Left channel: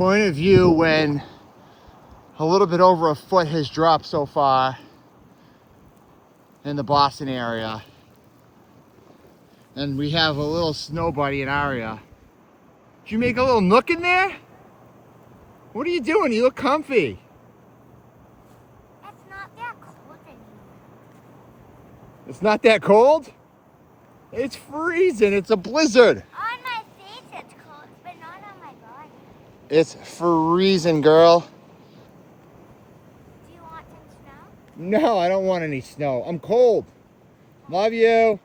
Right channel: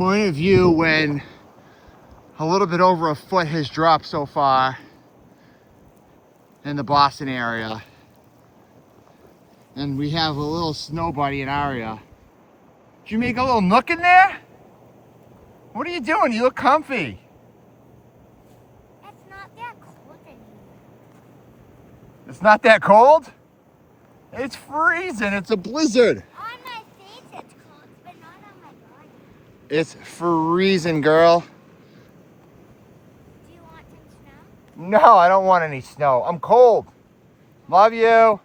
point of view when a little bit over a foot has dropped so far in the Boston area. And we have a little snow buddy in Aria. Did you make a little nook in there? What are you doing? You look comfy. It's not that cold anymore. It's not that cold? It's freezing. It's a blizzard. On my face it's cold, but not on my body. It's freezing, girl. Do you want some snow? No, I don't want any snow. I'm cold. Love you.